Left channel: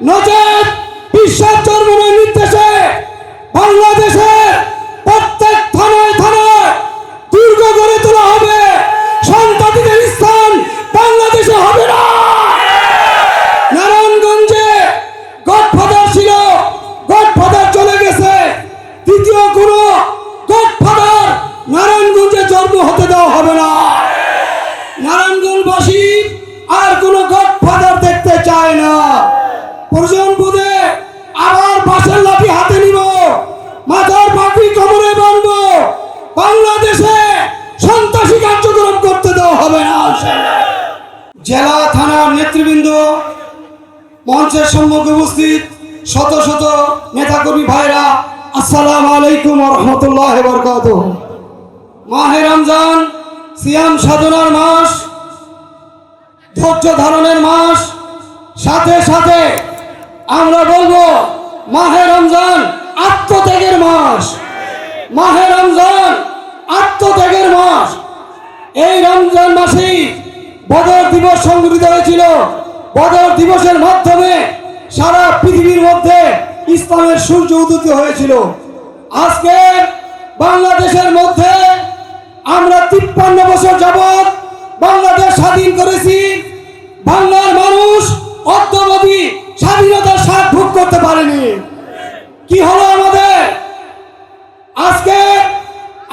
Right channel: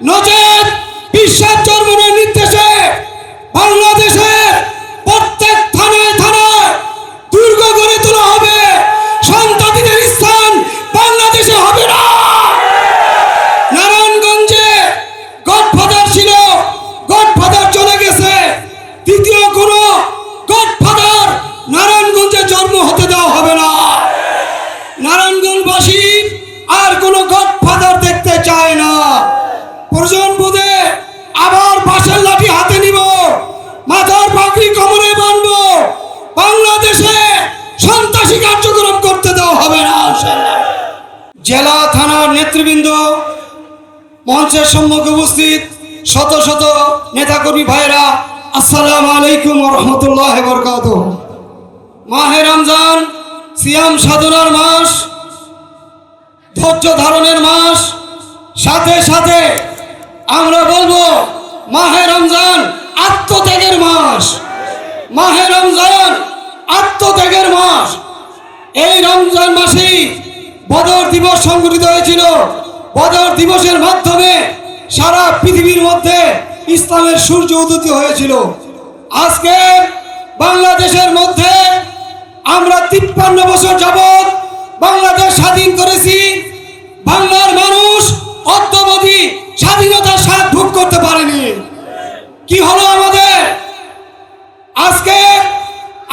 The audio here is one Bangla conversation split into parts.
নচেত বিশ্বাস চর্মনের নির্দেশে বাংলাদেশের প্রত্যেক থানায় থানায় দুর্গ গড়ে তোলা হবে। সন্তানদের স্থান বাংলাদেশে হবে না। নারায়ণগঞ্জে গডফাদার ছিল, গডফাদার চলে গেছে, দ্বিতীয় কোনো গডফাদার নারায়ণগঞ্জে জন্ম হতে দেওয়া হবে না। নারায়ণগঞ্জবাসী আর কোনো গডফাদার দেখতে চায় না। প্রয়োজন বোধে আবার বাঁশের লাঠি হাতে নিব, মাথার পাগড়ি কোমরে বাঁধবো। বাংলাদেশে সন্ত্রাসী কার্যক্রম করতে দেওয়া হবে না। জেলা থানার নেতৃবৃন্দ, মঞ্চের সম্মুখে উপস্থিত শত শত নেতাকর্মী ভাইরা, আসসালামু আলাইকুম ওয়া রাহমাতুল্লাহি ওয়া বারাকাতুহু। মাহে রমজান সিয়াম সাধনার মাস, ধৈর্য ধারণের মাস, সাথে সাথে আমরা বলবো মাহে রমজান আত্মত্যাগের মাস। মাহে রমজান আত্মত্যাগের মাস। এই রমজান মাসেই বদর দিবস সংগঠিত হয়েছিল। বদর দিবসের মাধ্যমে সারা পৃথিবীর মধ্যে ইসলামের সূর্য উদিত হয়েছিল। আজকে বাংলাদেশের মধ্যে আমরা 53 বছর যাবৎ বাংলাদেশ স্বাধীন করেছি। বাংলার মানুষ অদ্যাবধি স্বাধীনতার স্বাদ ভোগ করতে পারেনি। কি হলো আমাদের? আজকে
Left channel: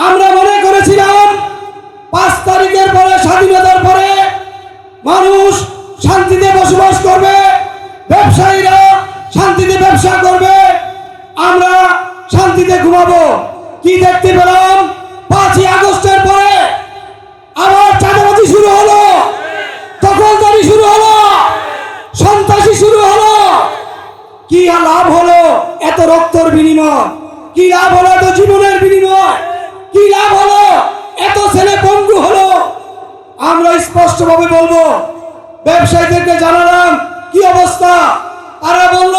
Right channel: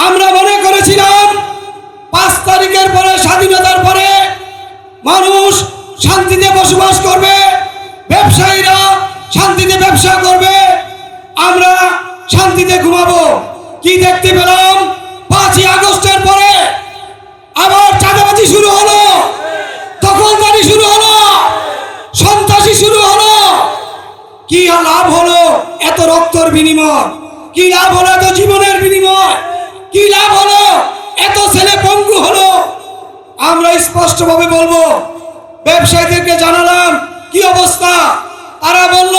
আমরা মনে করেছিলাম 5 তারিখের পরে, স্বাধীনতার পরে মানুষ শান্তিতে বসবাস করবে, ব্যবসায়ীরা শান্তিতে ব্যবসা করবে, আমরা শান্তিতে ঘুমাবো। কি দেখতে পেলাম? 5ই আগস্টের পরে আবার চাঁদাবাজি শুরু হলো, দখলদারি শুরু হলো, সন্ত্রাসী শুরু হলো। কি লাভ হলো এত রক্তের বিনিময়? কি লাভ হলো এত জীবনের বিনিময়? কি লাভ হলো এত ছেলে পঙ্গু হলো? আমরা স্পষ্টভাবে বলবো, ব্যবসায়ীদেরকে জানালাম কি অবস্থা। তারা বলল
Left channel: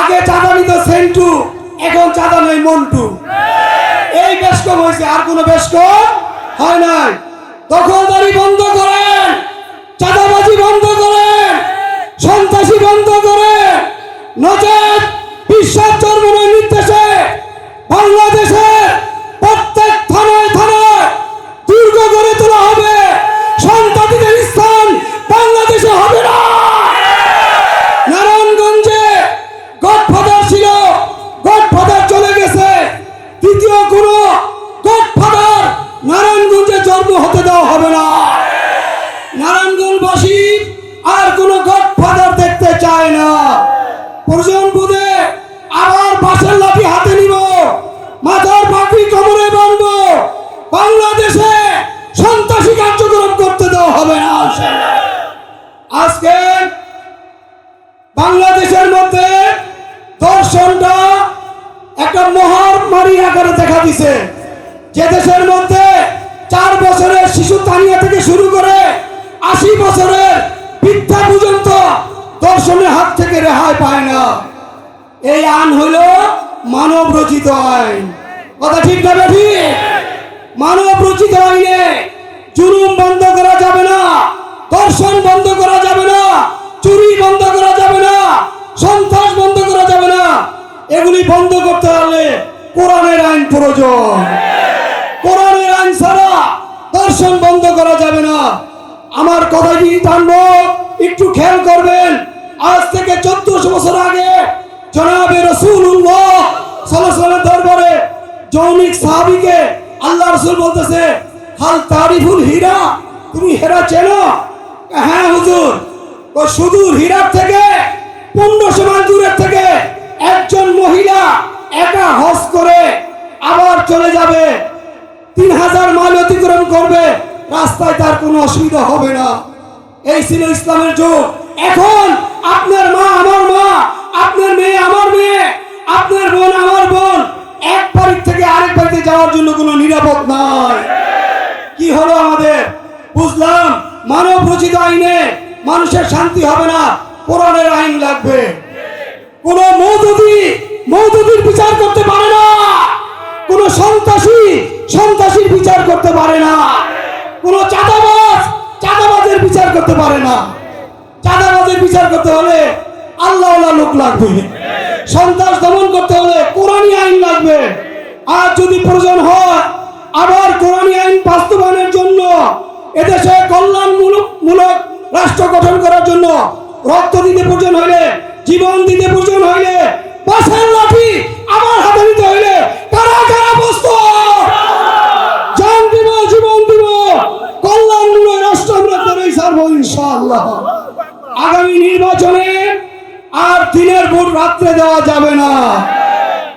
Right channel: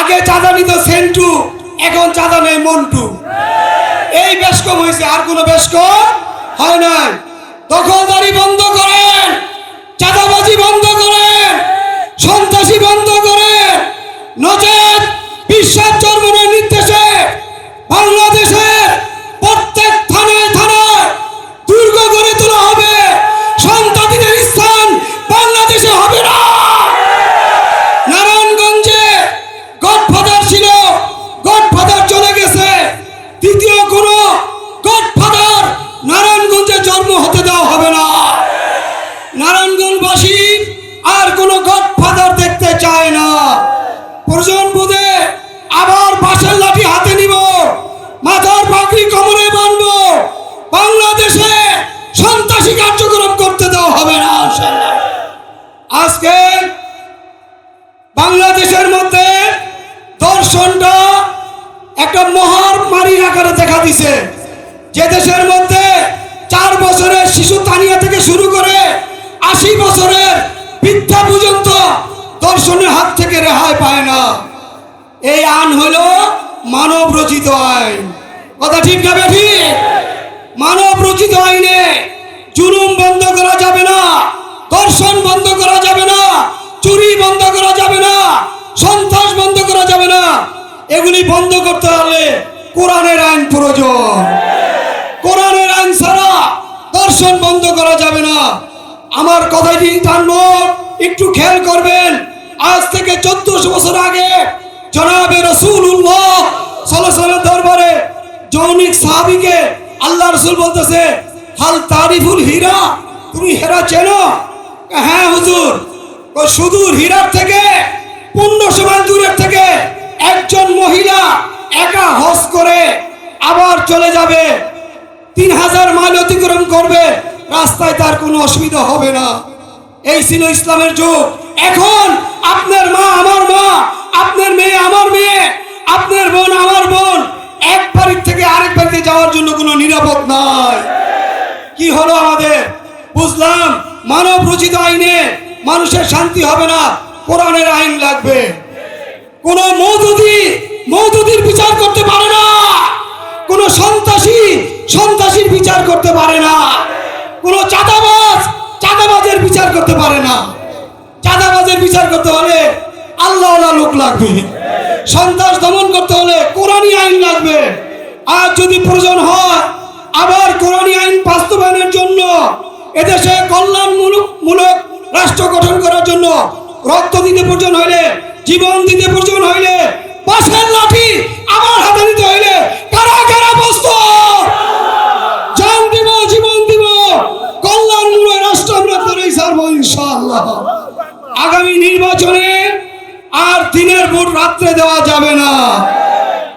আগে চাঁদা নিত সেন্টু, এখন চাঁদা নেই মন্টু। এই বেশ কম হয়েছে, আর কোনো বেশ কম হয় নাই। দখলদারি বন্ধ করেন, চাঁদাবাজি বন্ধ করেন, সন্ত্রাসী বন্ধ করেন, নচেত বিশ্বাস চর্মনের নির্দেশে বাংলাদেশের প্রত্যেক থানায় থানায় দুর্গ গড়ে তোলা হবে। সন্তানদের স্থান বাংলাদেশে হবে না। নারায়ণগঞ্জে গডফাদার ছিল, গডফাদার চলে গেছে, দ্বিতীয় কোনো গডফাদার নারায়ণগঞ্জে জন্ম হতে দেওয়া হবে না। নারায়ণগঞ্জবাসী আর কোনো গডফাদার দেখতে চায় না। প্রয়োজন বোধে আবার বাঁশের লাঠি হাতে নিব, মাথার পাগড়ি কোমরে বাঁধবো। বাংলাদেশে সন্ত্রাসী কার্যক্রম করতে দেওয়া হবে না। আজকে বাংলাদেশের মধ্যে দর্শনটা একটা মহামারীর আকারে দেখা দিছে। যে দেশের মধ্যে 4 বছরের শিশু তানিয়া থেকে শুরু করে 80 বছরের বৃদ্ধা পর্যন্ত দর্শনের হাত থেকে রেহাই পায় না। এই আইন হলো মানব রচিত আইন। কথা ঠিক না বেঠি? মানব রচিত আইনে জুলুম বন্ধ করা যাবে না, দর্শন বন্ধ করা যাবে না, চুরি বন্ধ করা যাবে না, সন্ত্রাস বন্ধ করা যাবে না। এগুলি বন্ধ করতে হলে কোরআনের আইন প্রয়োজন। কোরআনের আইন ছাড়া দর্শন বন্ধ করা যাবে না। আমার কথাটি জানবো, একটু খেয়াল করবেন। আজ থেকে 1400 বছর আগে জনাবে রাসূলুল্লাহ সাল্লাল্লাহু আলাইহি ওয়াসাল্লাম দরবারে জনৈক সাহাবীকে আল্লাহ রাসূল বলতেছে, হাল তারিফুল হীরা, তুমি হীরা চেনো? হ্যাঁ হুজুর। তো সুদূর হীরার থেকে 1500 মাইল দূরের থেকে একজন মহিলা একা হজ করে আবার চলে যাবে, 3000 মাইল অতিক্রম করবে, রাস্তায় তার কোনো অসুবিধা হবে না। এই ছিল ইসলামের যুগ। এখন আপনার মা আমার মা, আপনার মেয়ে আমার মেয়ে, আপনার বোন আমার বোন, এক বাড়ি থেকে আরেক বাড়িতে যাওয়ার জন্য কোনো নিরাপদ নাই। কি হলো আমাদের? বুঝলাম মানব রচিত আইনে মানুষের শান্তি হবে না, কোরআনের আইন লাগবে। কোন মওদুদির বিচার করতে পারে না, কোন সন্ত্রাসীর বিচার করতে পারে না, কোন চাঁদাবাজের বিচার করতে পারে না। চাঁদাবাজের বিচার করতে হলে আল্লাহওয়ালা লোক লাগবে, সন্ত্রাস দমন করতে হলে কোরআনী আইন লাগবে। আর যদি প্রয়োজন হয় আবার কোরআনী আইন বাস্তবায়নের জন্য এদেশে কল্যাণমূলক রাষ্ট্র গঠন করার জন্য রক্ত দিতে প্রয়োজন হইলে, জীবন দিতে প্রয়োজন হইলে, বাঁশের লাঠি আবার হাতে নিতে হইলে কারা কারা প্রস্তুত? জান দিব, জীবন দিব, কল্যাণমূলক রাষ্ট্র আমরা করেই ছাড়বো ইনশাআল্লাহ। আগামী নির্বাচনে আর দিনের ভোট রাত্রে দেওয়া যাবে না,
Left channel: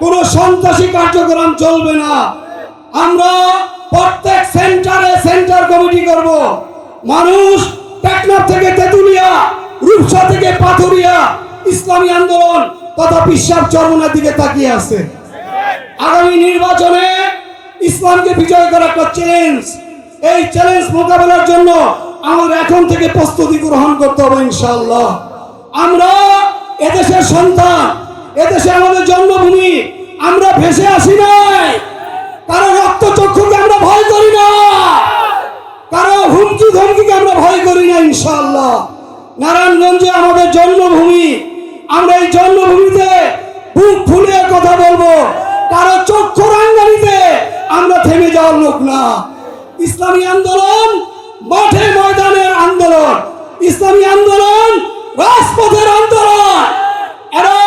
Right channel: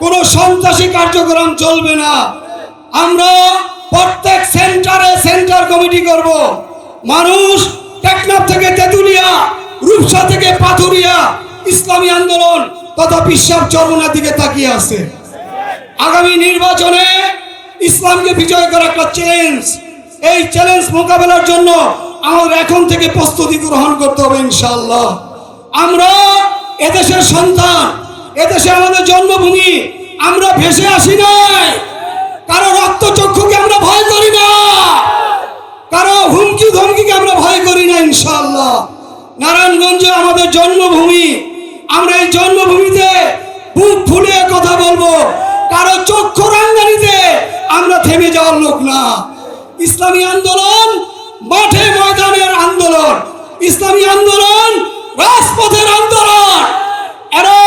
কোনো সন্ত্রাসী কার্যক্রম চলবে না। আমরা প্রত্যেক সেন্টারে সেন্টার কমিটি করব। মানুষ টেকনাফ থেকে তেতুলিয়া, রূপসা থেকে পাথুরিয়া ইসলামী আন্দোলন তথা বিশ্বাস চরমনার দিকে তাকিয়ে আছে। আগামী নির্বাচনে ইসলামকে বিজয় করা একটা চ্যালেঞ্জ। এই চ্যালেঞ্জ মোকাবেলার জন্য আমাদের এখন থেকে প্রস্তুতি গ্রহণ করতে হবে ইনশাআল্লাহ। আমরা এদেশের সন্তান, এদেশে আমাদের জন্মভূমি, আমরা ভেসে আসি নাই। কারো রক্তচক্ষুকে আমরা ভয় করি না, কারো হুমকি ধমকিকে আমরা ভয় করি না ইনশাআল্লাহ। নারায়ণগঞ্জে আমাদের জন্মভূমি, আমরা এই জন্মভূমিতে বুক ফুলিয়ে কথা বলবো। কারো চক্ষু রাঙ্গানিতে আমরা থেমে যাওয়ার লোক না। ইসলামী আন্দোলন মাঠে ময়দানের আন্দোলন, ইসলামী আন্দোলন রাজপথের আন্দোলন। এরা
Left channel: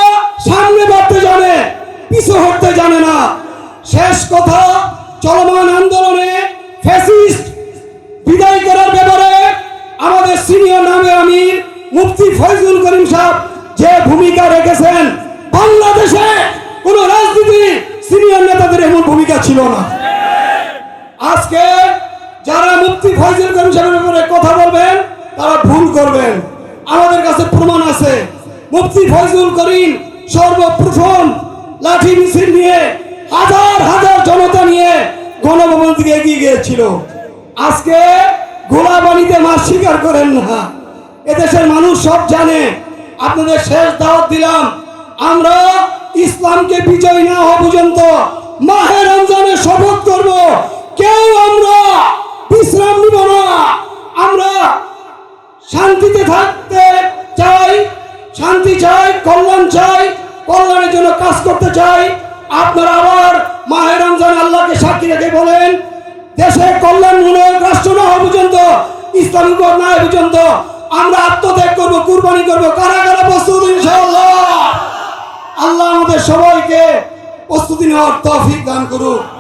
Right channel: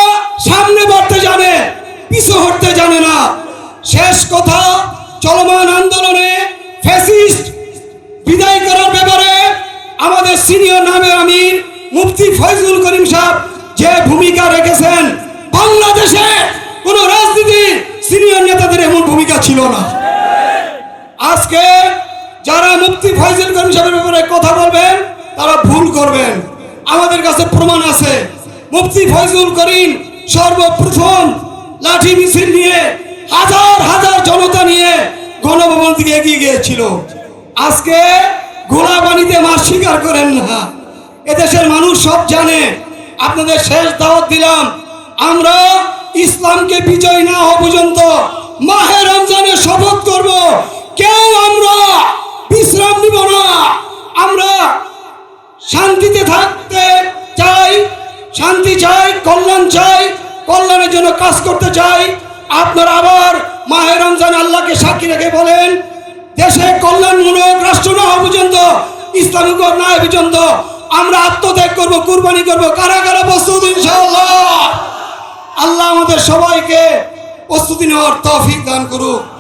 সামনে বাড়তে জানে, পিছু হটতে জানে না। শেষ কথা, চলমান আন্দোলনে ফ্যাসিস্ট বিদায় করার ব্যাপারে আমাদের সিনিয়র নামে আমির মুফতি ফয়জুল করিম সাহেব যে ভূমিকা রেখেছেন, বাংলাদেশে কোন রাজনীতি সিনিয়র নেতাদের এমন ভূমিকা ছিল না। আজকে যারা মুফতি ফয়জুল করিম সাহেবের ব্যাপারে কথা বলবেন তারা ভুল করবেন। আমাদের কাছে প্রমাণ আছে। মুফতি ফয়জুল করিম সর্বপ্রথম লাঠি মিছিল নিয়ে হাজার হাজার জনতা নিয়ে গণভবন দিকে এগিয়ে গিয়েছিল। আজকে গোলাবাড়িতে মার স্বীকার করেন না, এদেশের মানুষ সব জানে। আপনাদের শেষ দাওয়াত দিলাম, আমরা ইসলামকে বিজয় না হওয়া পর্যন্ত মাহে রমজানে শপথ করব, কেউ আমরা বিশ্রাম নিব না। আমরা শান্তিতে থাকতে চাই, শান্তি চাই, কল্যাণ চাই, কল্যাণের জন্য কাজ করতে চাই। আপনারা আবার মাহে রমজান আল্লাহকে সাক্ষী রেখে বলেন, দেশে কল্যাণমূলক রাষ্ট্র না হওয়া পর্যন্ত, ইসলামিক না হওয়া পর্যন্ত আমরা আত্মত্যাগ করব, কুরবানি করব। কারা কারা প্রস্তুত ইনশাআল্লাহ? আল্লাহ আমাদের সবাইকে প্রস্তুতি নেওয়ার তৌফিক দান করুক।